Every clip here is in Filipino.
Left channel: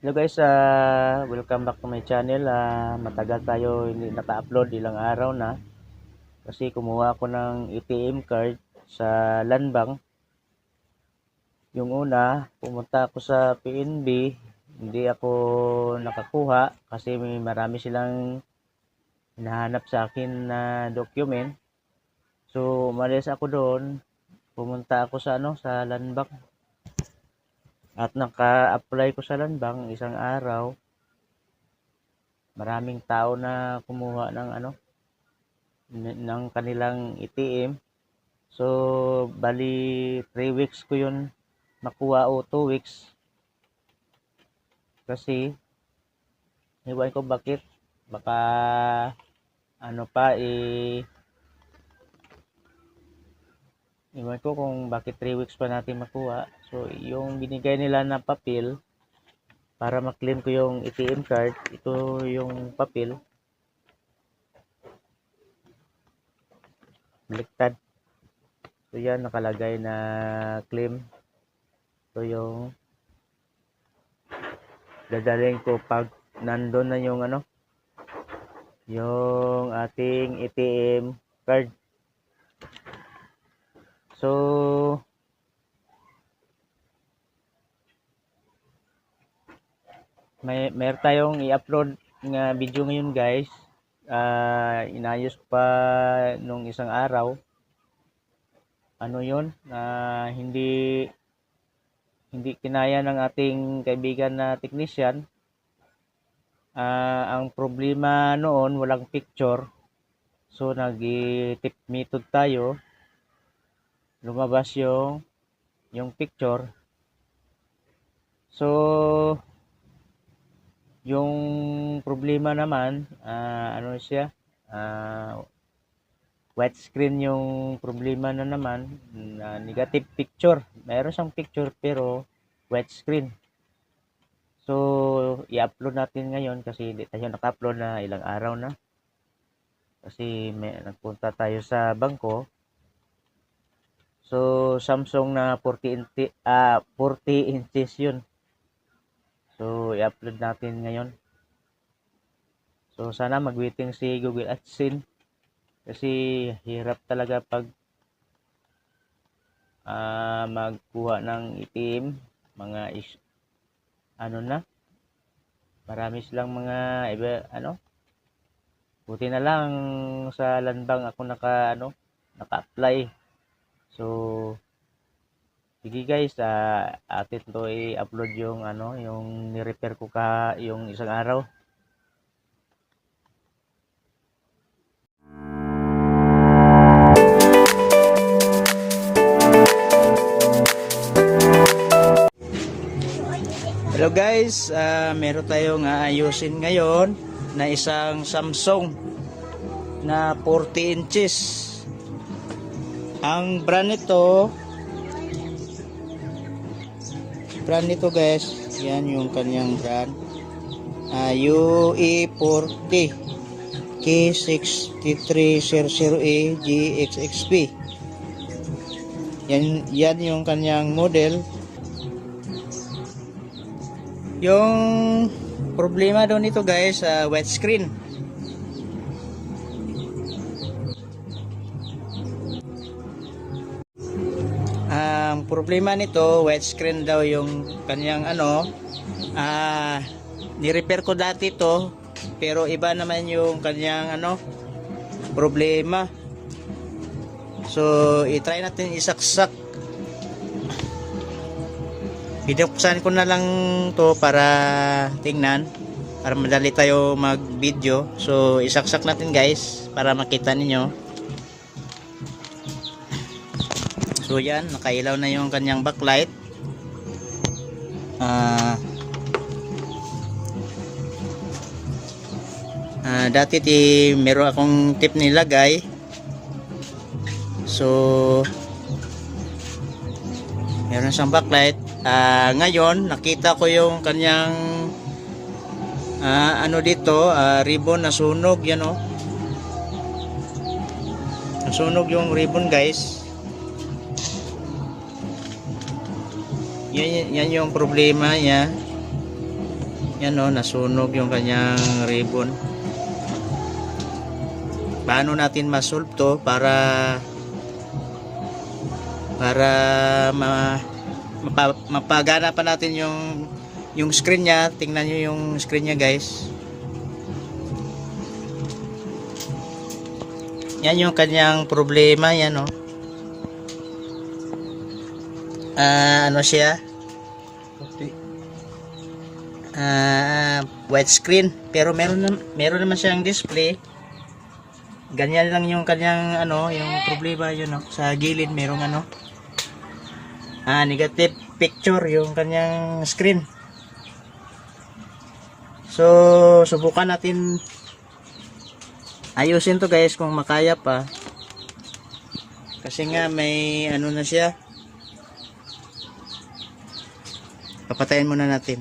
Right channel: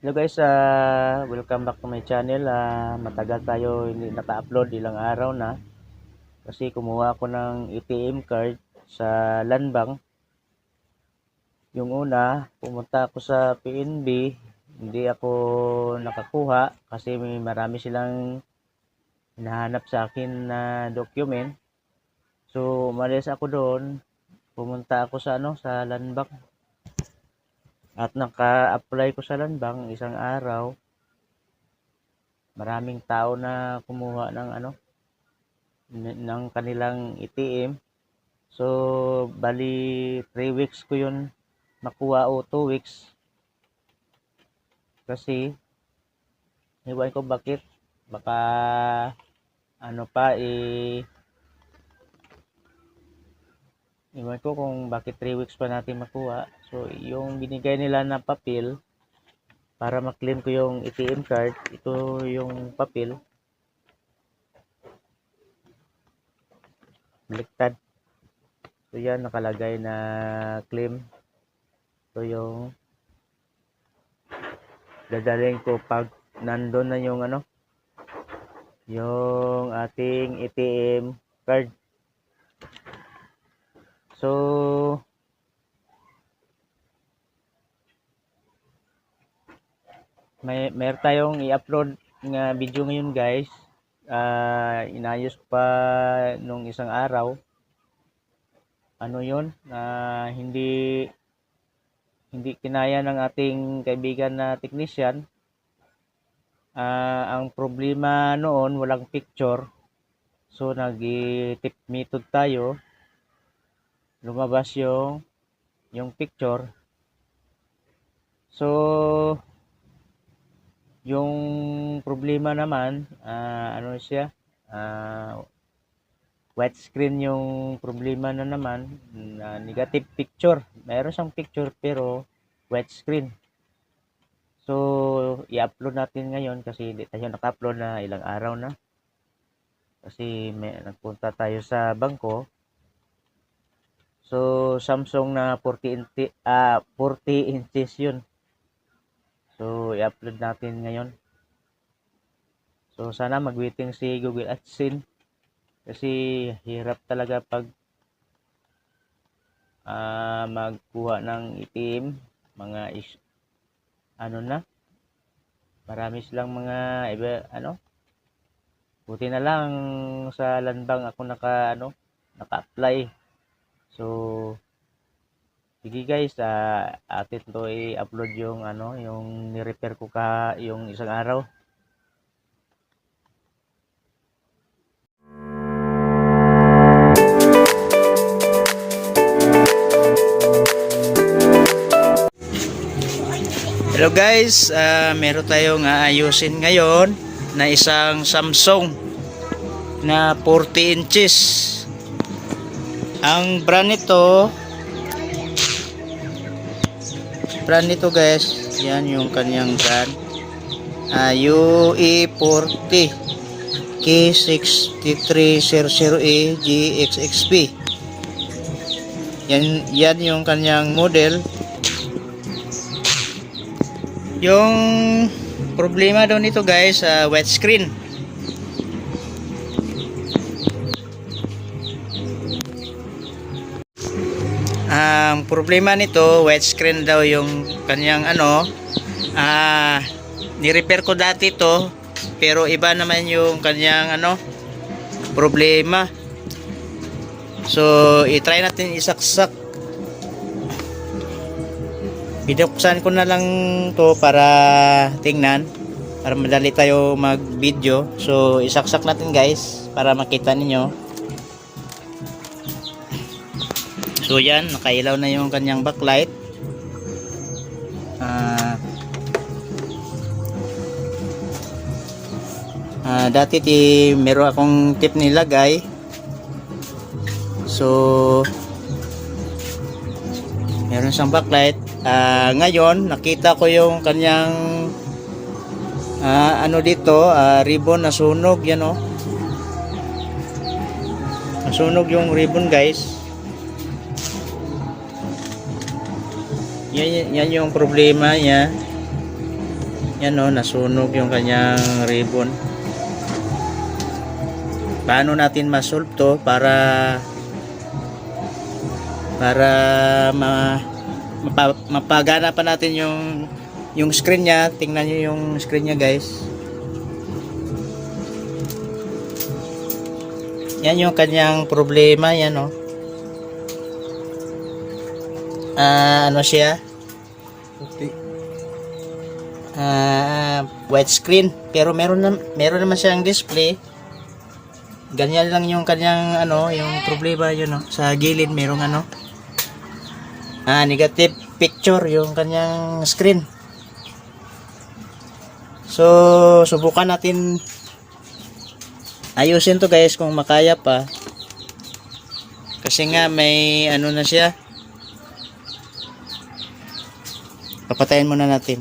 Hello guys, welcome back to my channel. Matagal tayo hindi naka-upload, ilang araw na. Kasi kumuha ako ng ATM card sa Landbank. Yung una, pumunta ako sa PNB, hindi ako nakakuha kasi marami silang hinahanap sa akin na document. So, umalis ako doon, pumunta ako sa sa Landbank. At naka-apply ko sa Landbank isang araw. Maraming tao na kumuha ng ng kanilang ATM. So, bali 3 weeks ko yun nakuha o 2 weeks. Kasi, iwan ko bakit. Baka, ano pa, iwan ko kung bakit 3 weeks pa natin makuha. So, yung binigay nila na papel, para maklaim ko yung ATM card, ito yung papel. Baliktad. So, yan, nakalagay na claim. So, yung dadalhin ko pag nandun na yung yung ating ATM card. So, meron tayong i-upload nga video ngayon guys. Inayos pa nung isang araw. Ano yun? Hindi kinaya ng ating kaibigan na technician. Ang problema noon, walang picture. So, nag-tip method tayo. Lumabas yung picture. So, yung problema naman, ano siya? White screen yung problema na naman. Negative picture. Mayroon siyang picture pero white screen. So, i-upload natin ngayon kasi hindi tayo naka-upload na ilang araw na. Kasi nagpunta tayo sa bangko. So, Samsung na 40 inches yun. So, i-upload natin ngayon. So, sana mag-waiting si Google AdSense. Kasi, hirap talaga pag magkuha ng ATM. Marami silang mga buti na lang sa Landbank ako naka-apply. So, sige guys, atin to i-upload yung yung ni-repair ko yung isang araw. Hello guys, meron tayong ayusin ngayon na isang Samsung na 40 inches. Ang brand nito guys, yan yung kanyang brand, UE40 K6300E GXXP. Yan yung kanyang model. Yung problema daw nito guys, white screen. Ang problema nito, white screen daw yung kanyang ni-repair ko dati to, pero iba naman yung kanyang problema. So, i-try natin isaksak. Binuksan ko na lang to para tingnan, para madali tayo mag-video. So, isaksak natin guys para makita ninyo. So, yan, nakailaw na yung kanyang backlight. Dati meron akong tip nilagay. So, meron siyang backlight. Ngayon nakita ko yung kanyang dito, ribbon na sunog, yan o. Nasunog yung ribbon guys. Yan yung problema niya. Yan o, nasunog yung kanyang ribbon. Paano natin ma-solve to para mapagana pa natin yung screen niya. Tingnan nyo yung screen niya, guys. Yan yung kanyang problema. Yan o. Ano siya? Okay. White screen, pero meron naman siyang display. Ganyan lang yung kanyang yung problema yun, sa gilid merong negative picture yung kanyang screen. So subukan natin ayusin to, guys, kung makaya pa, kasi nga may na siya. Papatayin muna natin.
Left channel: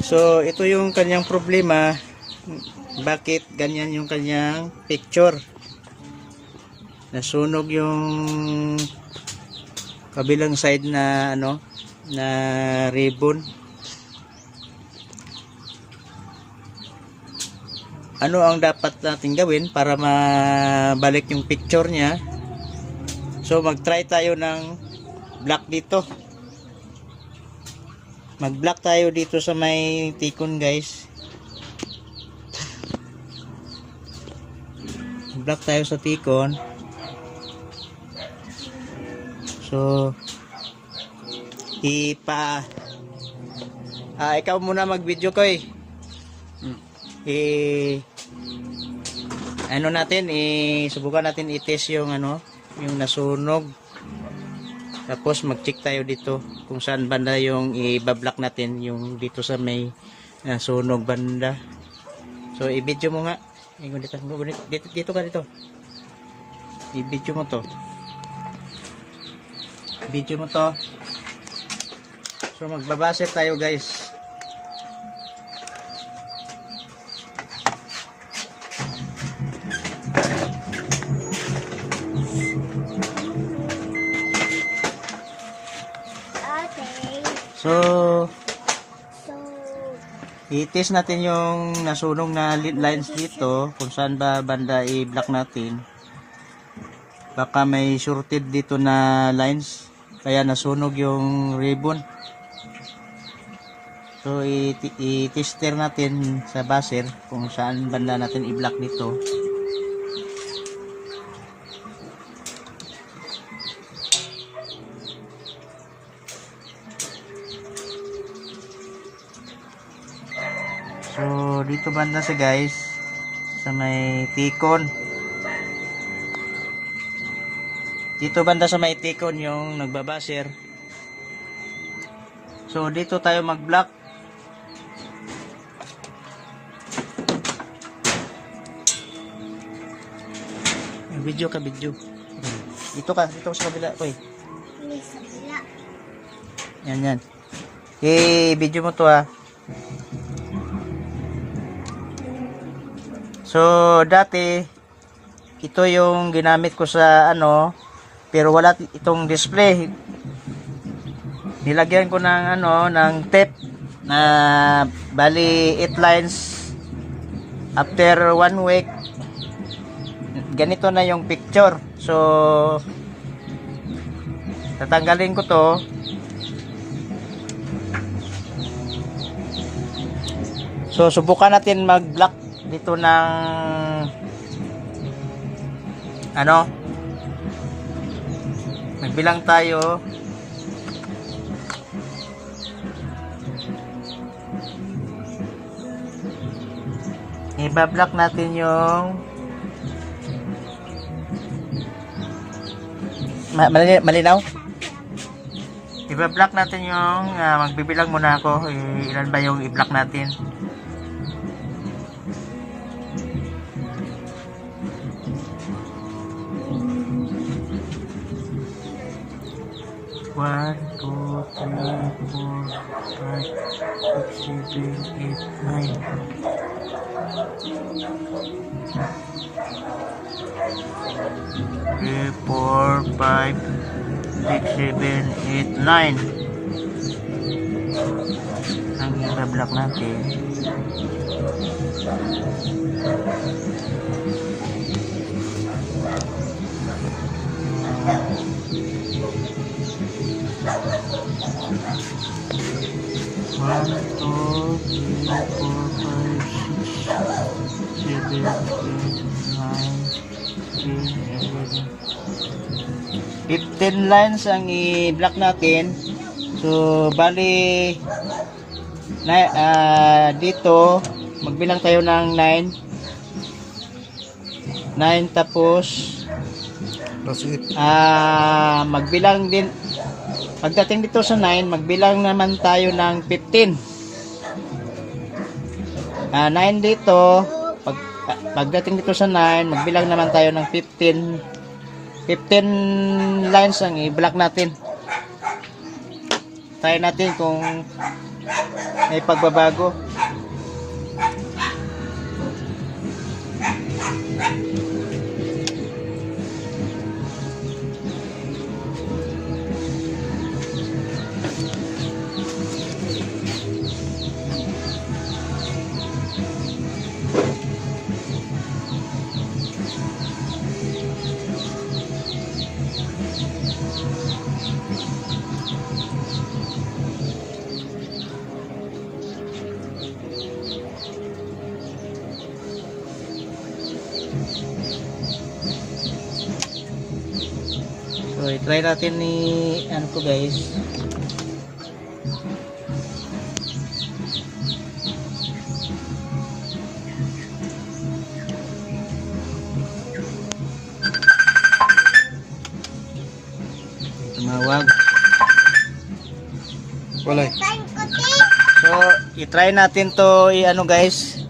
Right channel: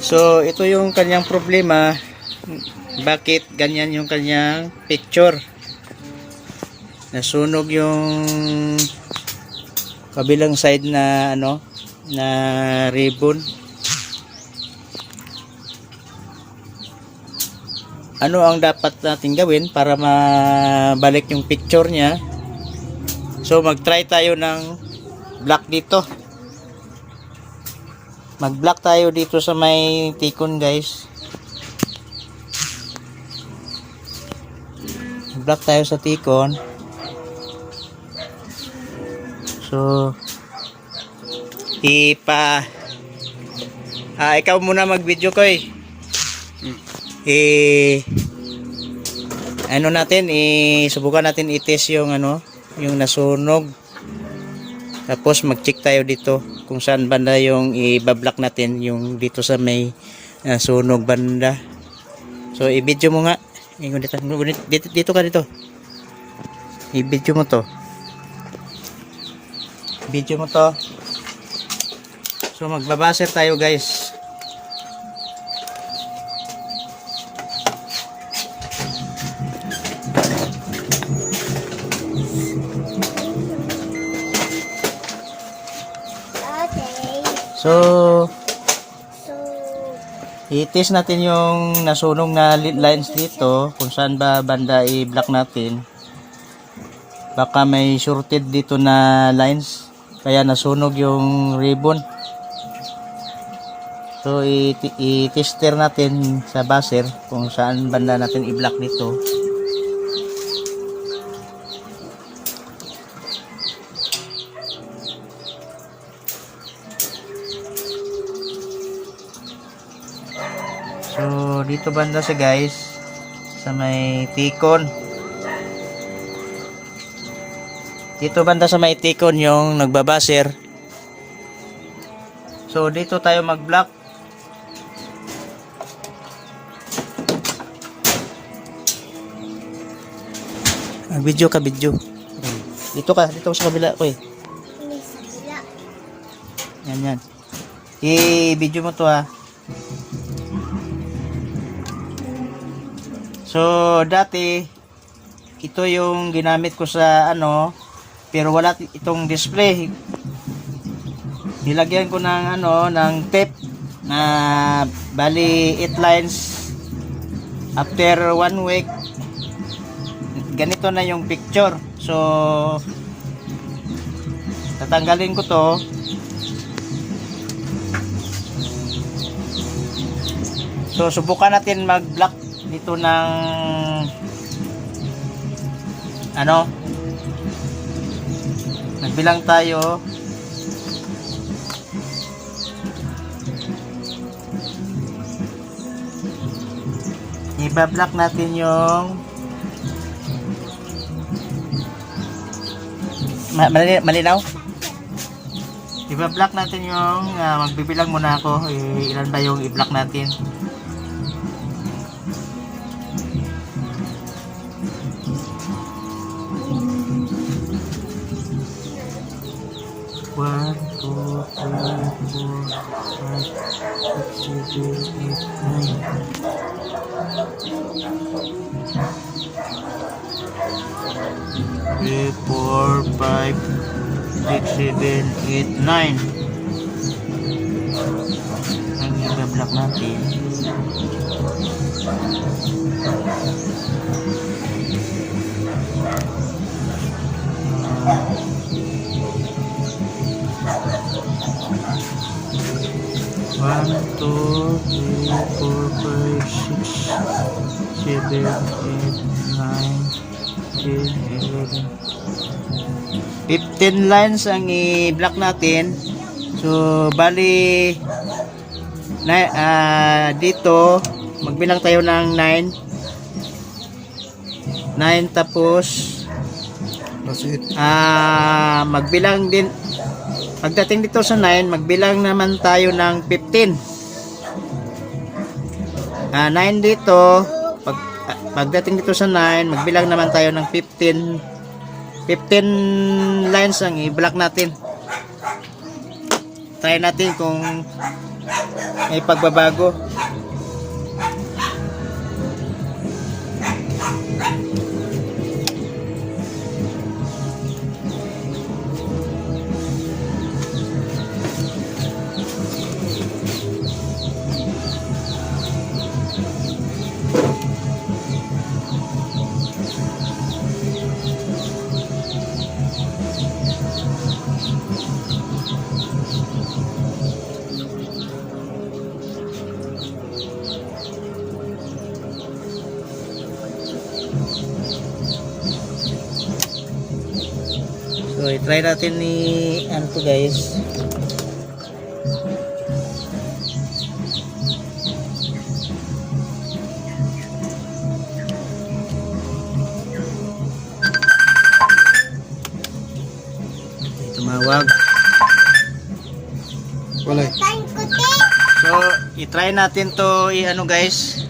So ito yung kanyang problema. Bakit ganyan yung kanyang picture? Nasunog yung kabilang side na na ribbon. Ano ang dapat natin gawin para mabalik yung picture niya? So mag-try tayo ng black dito. Mag-black tayo dito sa may tikon, guys. Black tayo sa tikon. So ikaw muna mag-video ko subukan natin i-test yung yung nasunog. Tapos mag-check tayo dito kung saan banda yung i-block natin, yung dito sa may sunog banda. So i-video mo nga. Dito ka dito. I-video mo to. Video mo to. So magbabaser tayo, guys. So i-test natin yung nasunog na lines dito, kung saan ba banda i-block natin. Baka may shorted dito na lines, kaya nasunog yung ribbon. So i-tester natin sa buzzer kung saan banda natin i-block dito. So dito banda siya, guys, sa may tikon. Dito banda sa may tikon yung nagbabaser. So dito tayo mag-block. Video ka, video. Dito ka sa kabila ko Yan. Video mo to, ha. So dati ito yung ginamit ko sa pero wala itong display. Nilagyan ko ng ng tape na bali 8 lines. After 1 week ganito na yung picture. So tatanggalin ko to. So subukan natin mag-block dito ng nagbilang tayo. Iba-block natin yung malinaw. Iba-block natin yung magbibilang muna ako. Ilan ba yung i-block natin? One, two, three, 4, 5, 6, 7, 8, 9. 3, 4, 5, 6, 7, 8, 9 ang i-block natin. One, two, three, 4, 5, 6, 7, 8, 9, 10, 11, 15 lines ang i-block natin. So bali dito magbilang tayo ng 9 tapos magbilang din pagdating dito sa 9 magbilang naman tayo ng 15. 9 dito pagdating dito sa 9 magbilang naman tayo ng 15 lines ang i-block natin. Try natin kung may pagbabago. So, i-try natin ni ano to guys. Tumawag. Wala. So, i-try natin to i-ano guys.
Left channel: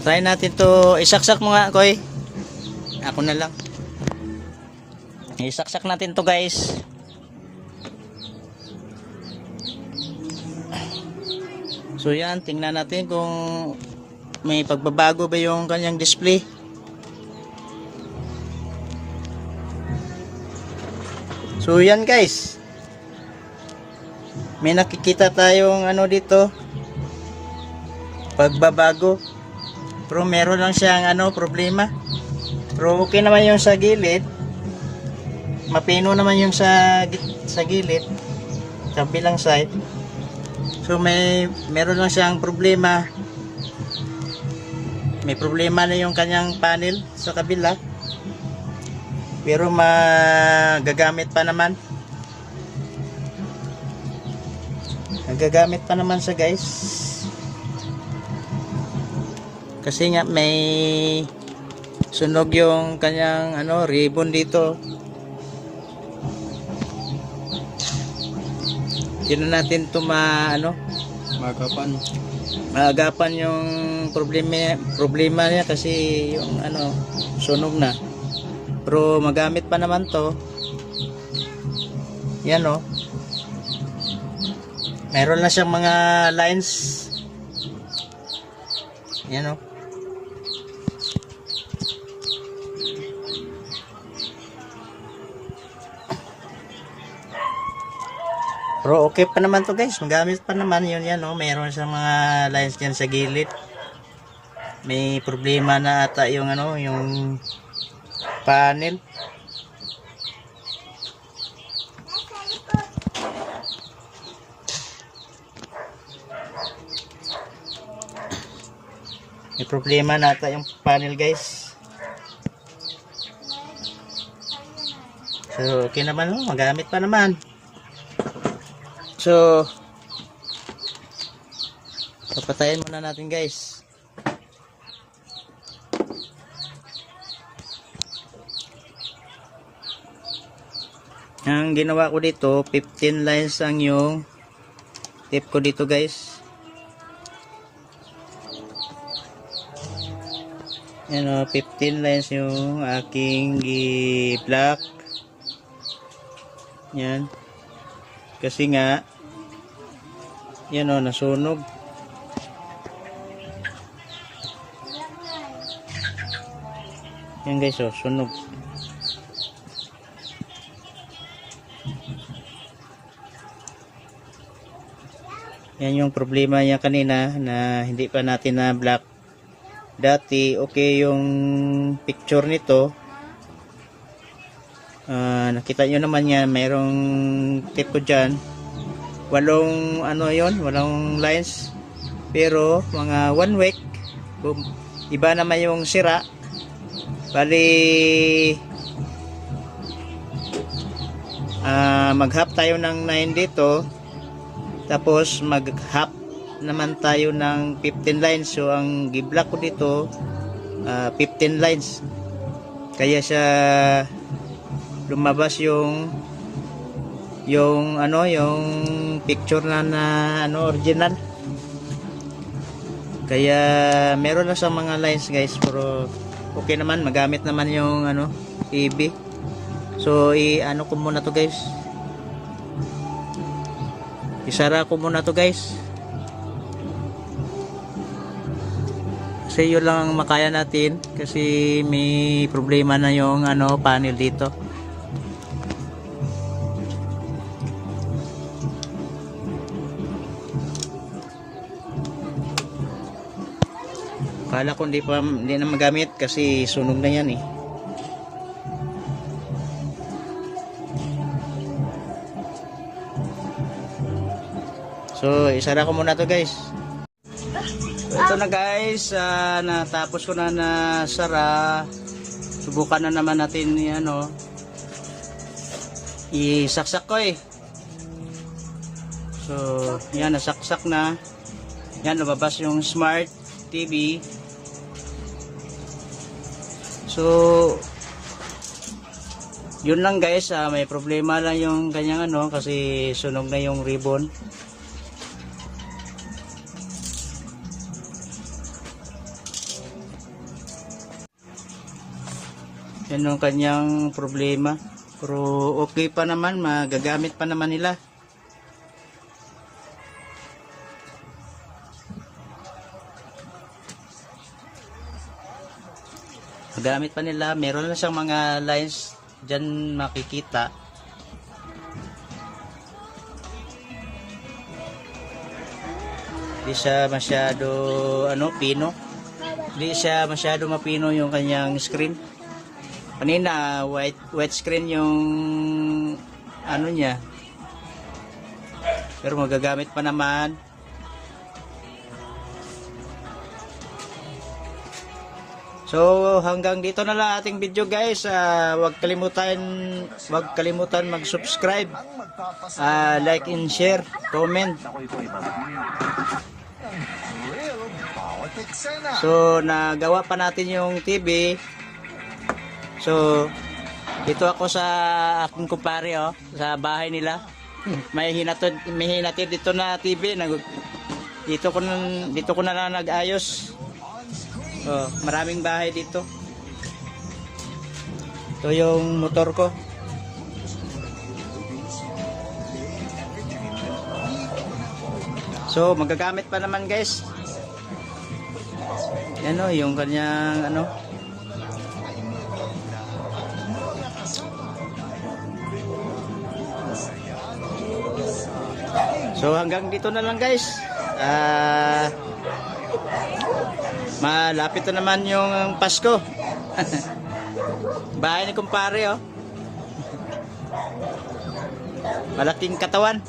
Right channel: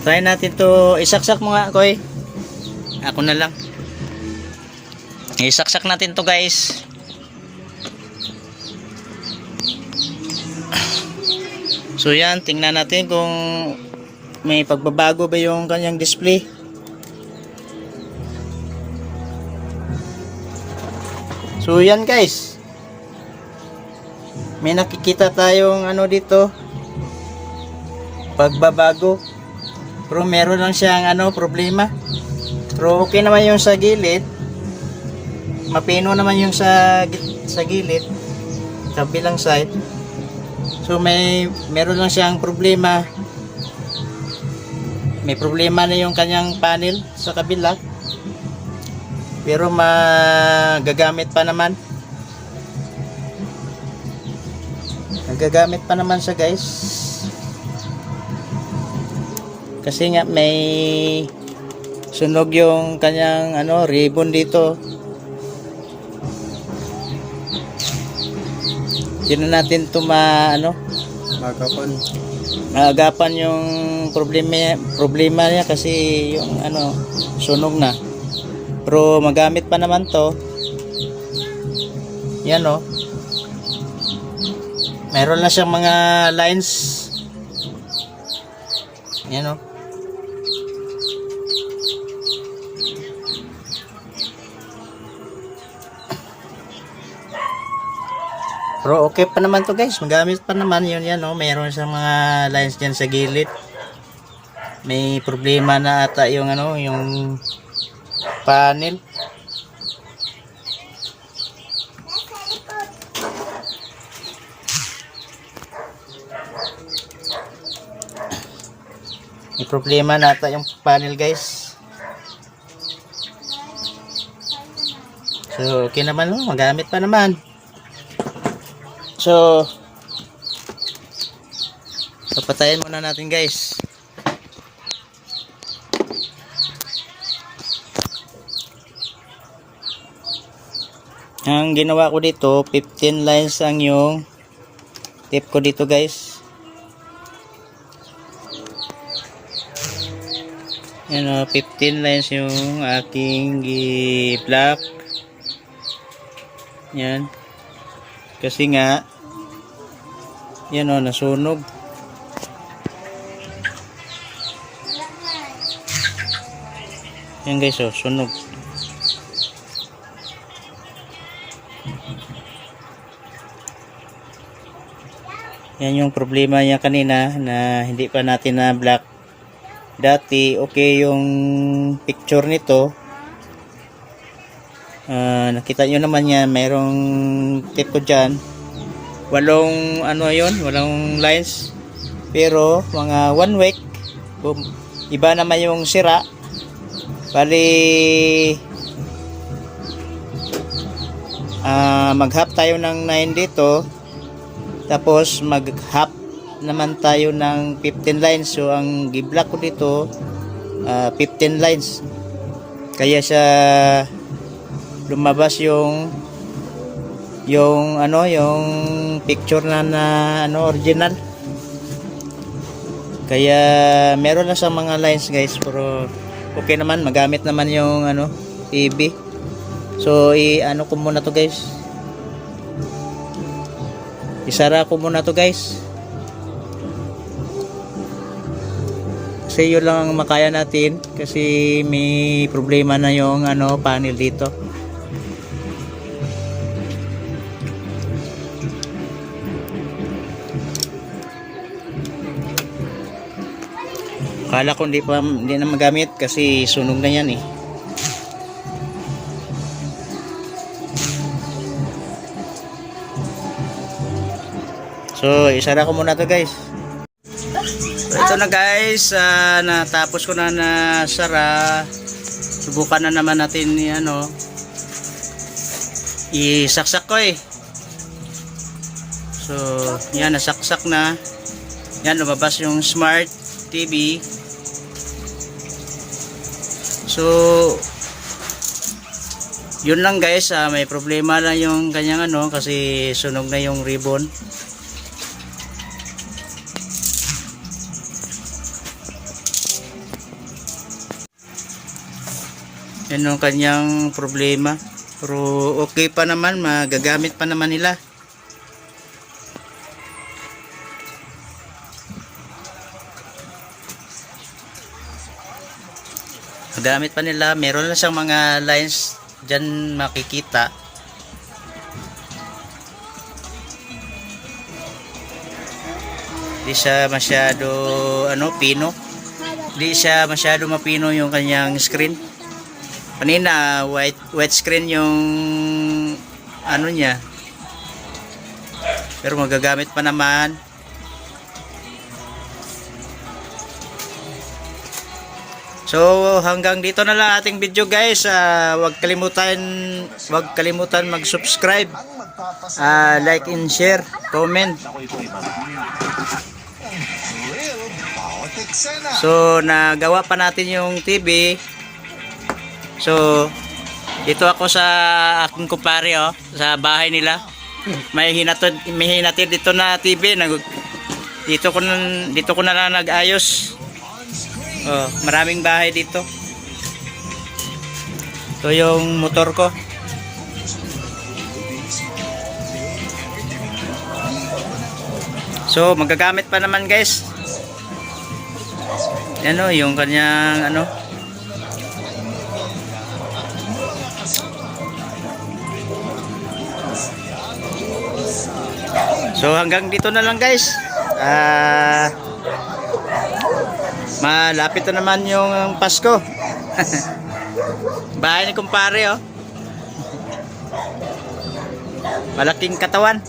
Try natin to isaksak mo nga, Koy. Ako na lang. Isaksak natin to guys. So yan, tingnan natin kung may pagbabago ba yung kanyang display. So yan guys. May nakikita tayong ano dito. Pagbabago. Pero meron lang siyang ano problema. Pero okay naman yung sa gilid. Mapino naman yung sa gilid. Kabilang side. So meron lang siyang problema. May problema na yung kanyang panel sa kabila. Pero magagamit pa naman. Nagagamit pa naman siya guys. Kasi nga may sunog yung kanyang ano ribbon dito. Hindi natin ito maagapan yung problema niya kasi yung ano sunog na. Pero magamit pa naman to. Yan o. Meron na siyang mga lines. Yan o. Pero okay pa naman to guys. Magamit pa naman yun yan o. Meron siyang mga lines dyan sa gilid. May problema na ata yung ano yung panel. May problema na ata yung panel guys. So okay naman o. Magamit pa naman. So papatayin muna natin guys. Ang ginawa ko dito 15 lines ang yung tape ko dito guys. Yan o, 15 lines yung aking i-block. Yan. Kasi nga yan o, nasunog. Yan guys, oh, sunog. Yan yung problema niya kanina na hindi pa natin na black. Dati okay yung picture nito. Nakita nyo naman yan, mayroong tip ko dyan. Walong ano yun, walong lines. Pero mga 1 week, boom, iba naman yung sira. Bali mag-half tayo ng 9 dito. Tapos mag-half naman tayo ng 15 lines. So ang gi-block ko dito 15 lines. Kaya siya lumabas yung ano, yung picture na ano, original. Kaya meron na sa mga lines guys, pero okay naman, magamit naman yung ano, TV. So ano ko muna to guys. Isara ko muna to guys. Kasi yun lang ang makaya natin kasi may problema na yung ano, panel dito. Akala ko hindi na magamit kasi sunog na yan eh. So isara ko muna to guys. Ito na guys, natapos ko na sara. Subukan na naman natin ano, isaksak ko eh. So yan, nasaksak na. Yan, lumabas yung smart TV. So yun lang guys, may problema lang yung kanyang ano kasi sunog na yung ribbon. Yan yung kanyang problema, pero okay pa naman, magagamit pa naman nila. Gamit pa nila, meron lang siyang mga lines dyan makikita. Di siya masyado ano, pino. Di siya masyado mapino yung kanyang screen. Kanina white screen yung ano niya. Pero magagamit pa naman. So hanggang dito na lang ating video guys. Huwag kalimutan mag-subscribe, like and share, comment. So nagawa pa natin yung TV. So dito ako sa aking kumpare, oh, sa bahay nila. May hinatid dito na TV. Dito ko na lang nag-ayos. Oh, maraming bahay dito. Ito yung motor ko. So magagamit pa naman guys. Ano yung kanyang ano. So hanggang dito na lang guys. Malapit na naman yung Pasko. Bahay ni kumpare, oh. Malaking katawan.